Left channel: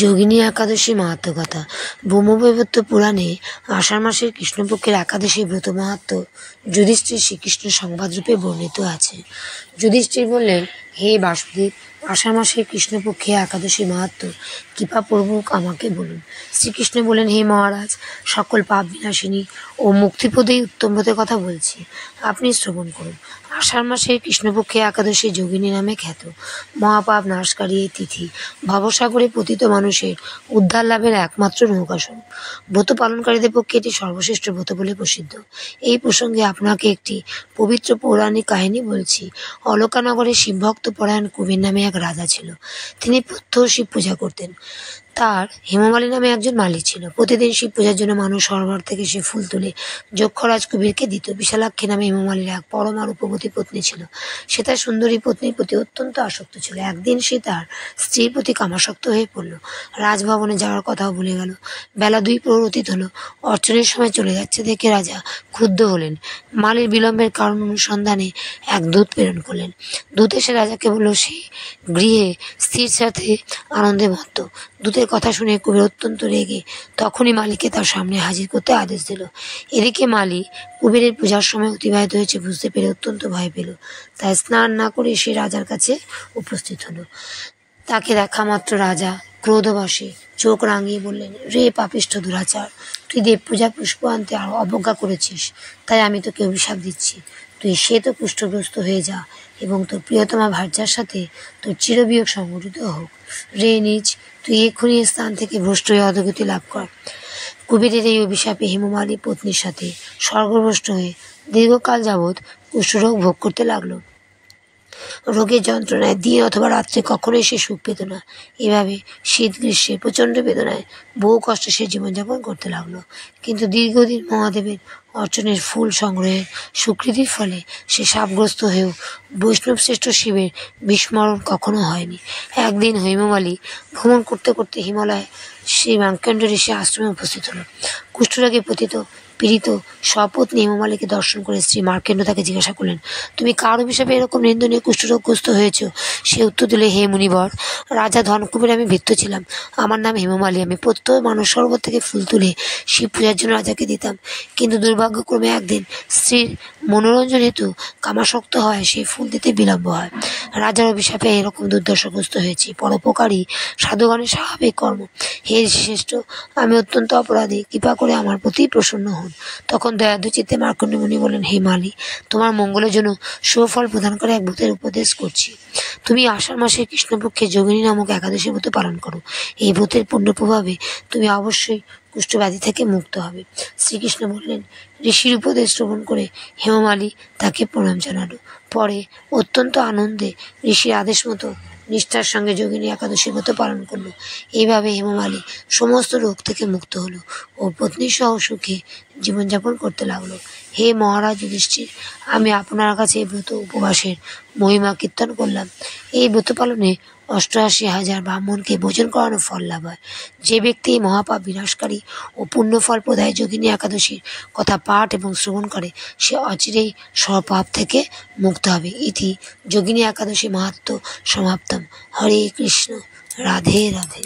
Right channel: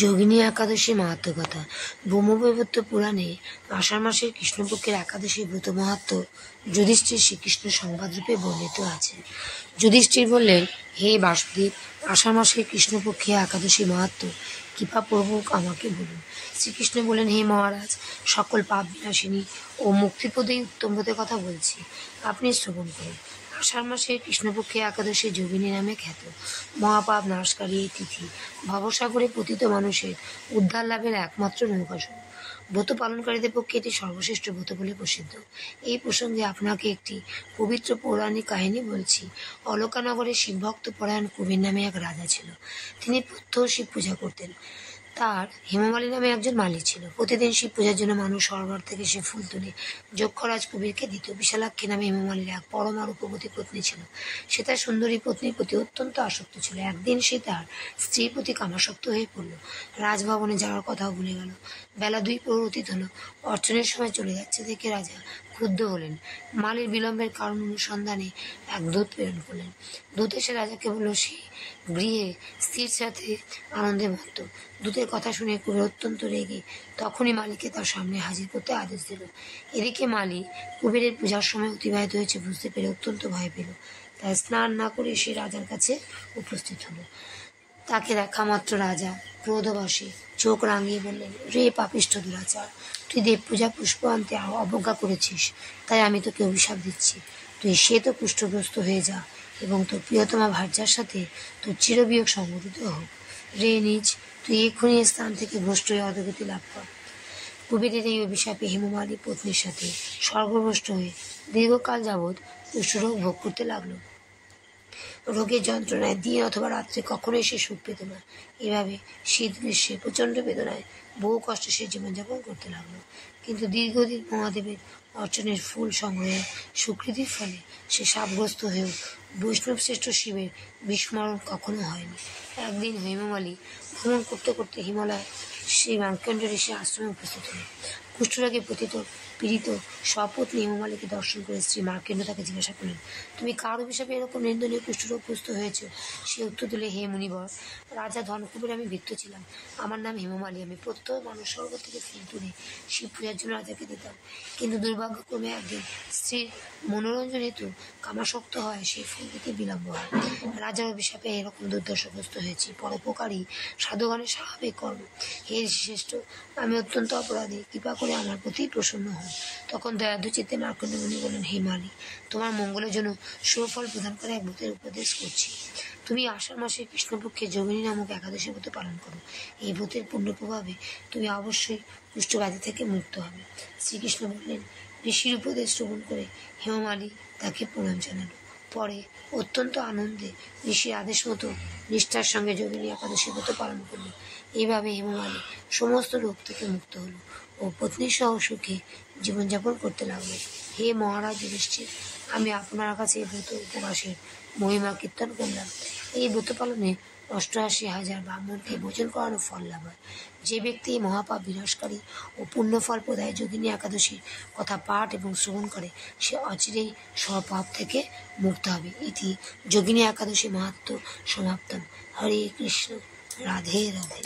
যোগিনী একাদশী মাহাত্ম্য কথা। ব্রহ্মবৈবর্ত পুরাণে আষাঢ় মাসের কৃষ্ণপক্ষের একাদশী ব্রত মাহাত্ম্য যুধিষ্ঠির শ্রীকৃষ্ণ সংবাদরূপে বর্ণিত আছে। যুধিষ্ঠির বললেন, হে বাসুদেব, আষাঢ় মাসের কৃষ্ণপক্ষে একাদশী মাহাত্ম্য কৃপাপূর্বক আমাকে বলুন। শ্রীকৃষ্ণ বলেন, হে মহারাজ, সকল পাপ বিনাশিনী ও মুক্তিপদেই উত্তম ব্রতের কথা বলছি, আপনি শ্রবণ করুন। আষাঢ় মাসের কৃষ্ণপক্ষে একাদশী যোগিনী নামে খ্যাত। মহাপাপ নাশকারী এই তিথি ভবসাগরে পতিত মানুষের উদ্ধার লাভের একমাত্র নৌকাস্বরূপ। ব্রত পালনকারীদের পক্ষে এটি সর্বশ্রেষ্ঠ ব্রত বলে প্রসিদ্ধ। এই প্রসঙ্গে আপনাকে একটি পবিত্র পৌরাণিক কাহিনী বলছি। অলকানগরে শিবভক্ত পরায়ণ কুবের নামে এক রাজা ছিল। তিনি প্রত্যহ শিব পূজা করতেন। তার হেমমালী নামে একজন মালি ছিল। প্রতিদিন শিব পূজার জন্য মানুষ সরোবর থেকে সে ফুল তুলে যক্ষরাজ কুবেরকে দিত। বিশালাক্ষী নামে হেমমালীর এক পরমা রূপবতী পত্নী ছিল। সে তার সুন্দরী পত্নীর প্রতি অত্যন্ত আসক্ত ছিল। একদিন সে তার স্ত্রীর প্রতি কামাসক্ত হয়ে পড়ল। রাজভবনে যাওয়ার কথাও ভুলে গেল। বেলা 2 প্রহর অতীত হলো। অর্চনের সময় চলে যাচ্ছে দেখে রাজা ক্ষুব্ধ হলেন। মালির বিলম্বের কারণ অনুসন্ধানে এক দূত প্রেরণ করলেন। দূত এসে রাজাকে বলল, সে গৃহে স্ত্রীর সাথে আনন্দে মত্ত। দূতের কথা শুনে কুবের অত্যন্ত রেগে তখনই মালিকে তার সামনে হাজির করতে আদেশ দিল। এদিকে মালি কুবেরের পূজার সময় অতিবাহিত হয়েছে বুঝতে পেরে অত্যন্ত ভয় পেল। তাই স্নান না করে সে রাজার কাছে উপস্থিত হলো। তাকে দেখা মাত্র রাজা ক্রোধবশে চোখ রাঙিয়ে বললেন, রে পাপিষ্ঠ দুরাচার, তুই দেব পূজা পুষ্প আনতে অবজ্ঞা করেছিস, তাই আমি তোকে অভিশাপ দিচ্ছি। তুই শ্বেত কুষ্ঠগ্রস্ত হয়ে যা এবং তোর প্রিয়তমা ভার্যার সাথে তোর চিরবিয়োগ সংঘটিত হোক। রে নিজ, তুই এক্ষুনি স্থান থেকে ভ্রষ্ট হয়ে অধোগতি লাভ কর। কুবেরের এই অভিশাপে হেমমালী পত্নীর সাথে স্বর্গভ্রষ্ট হয়ে দীর্ঘকাল যাবৎ কুষ্ঠরোগ ভোগ করতে লাগলো। রোগের যন্ত্রণায় দিন অথবা রাত্রে কখনোই সে সুখ পেত না। এভাবে শীত গ্রীষ্মে প্রচণ্ড বেদনায় বহু কষ্টে সে জীবনযাপন করতে লাগলো। কিন্তু দীর্ঘদিন মহাদেবের অর্চনের ফুল সংগ্রহের স্বীকৃতির ফলে সে শাপগ্রস্ত হয়েও বৈষ্ণব শ্রেষ্ঠ শিবের বিস্মরণ কখনো হয়নি। একদিন হেমমালী ভ্রমণ করতে করতে হিমালয়ে শ্রী মার্কণ্ড ঋষি আশ্রমে উপস্থিত হল। কুষ্ঠরোগে পীড়িত স্বপত্নী হেমমালীকে দর্শন করে শ্রী মার্কণ্ড তাকে জিজ্ঞাসা করলেন, তুমি কার অভিশাপে এরকম নিন্দনীয় কুষ্ঠরোগগ্রস্ত হয়েছ? সে উত্তর দিলে, হে মুনিবর, রাজা ধনকুবের আমি ভৃত্য ছিলাম। আমার নাম হেমমালী। আমি প্রত্যহ মানস সরোবর থেকে ফুল তুলে শিব পূজার জন্য রাজাকে দিতাম। কিন্তু দুর্ভাগ্যক্রমে একদিন স্ত্রীর মনোরঞ্জন হেতু কামাসক্ত হয় সেই ফুল দিতে বিলম্ব হয়। রাজার অভিশাপে এরকম দুর্দশাগ্রস্ত হয়েছি। পরোপকারী সাধুগণের স্বাভাবিক কর্ম। হে শ্রেষ্ঠ, আমি অত্যন্ত অপরাধী, কৃপা করে আমার প্রতি প্রসন্ন হন। তখন দয়ার্দ্র চিত্তে মার্কণ্ড মুনি বলেন, হে মালী, তোমার মঙ্গলের জন্য সুফল প্রদান করে এক ব্রতের উপদেশ করছি। তুমি আষাঢ় মাসে কৃষ্ণপক্ষে যোগিনী নামক একাদশী ব্রত পালন করো। এই ব্রতের পুণ্য প্রভাবে তুমি অবশ্যই কুষ্ঠব্যাধি থেকে মুক্ত হবে। শ্রীকৃষ্ণ বললেন। ঋষির উপদেশ শ্রবণ করে হেমমালী তাকে প্রণাম জানালো। পরে অত্যন্ত আনন্দে ঋষির আদেশ মতো নিষ্ঠার সঙ্গে যোগিনী একাদশী ব্রত পালন করলো। এইভাবে হেমমালী সমস্ত রোগ থেকে মুক্ত হলো ও পত্নী সহ সুখে জীবনযাপন করতে লাগলো। হে মহারাজ যুধিষ্ঠির, আমি আপনার কাছে এই ব্রত উপবাসের মহিমা কীর্তন করলাম। এই ব্রত পালনে 88,000 ব্রাহ্মণকে ভোজন করানো ফল লাভ হয়। যে ব্যক্তি এই মহাপাপ বিনাশকারী ও পুণ্যফল প্রদায় যোগিনী একাদশীর কথা পাঠ এবং শ্রবণ করে, সে অচিরেই সর্বপাপ থেকে মুক্ত হবে। ইতি যোগিনী একাদশী মাহাত্ম্য সমাপ্তম। হরে কৃষ্ণ। রাধে রাধে।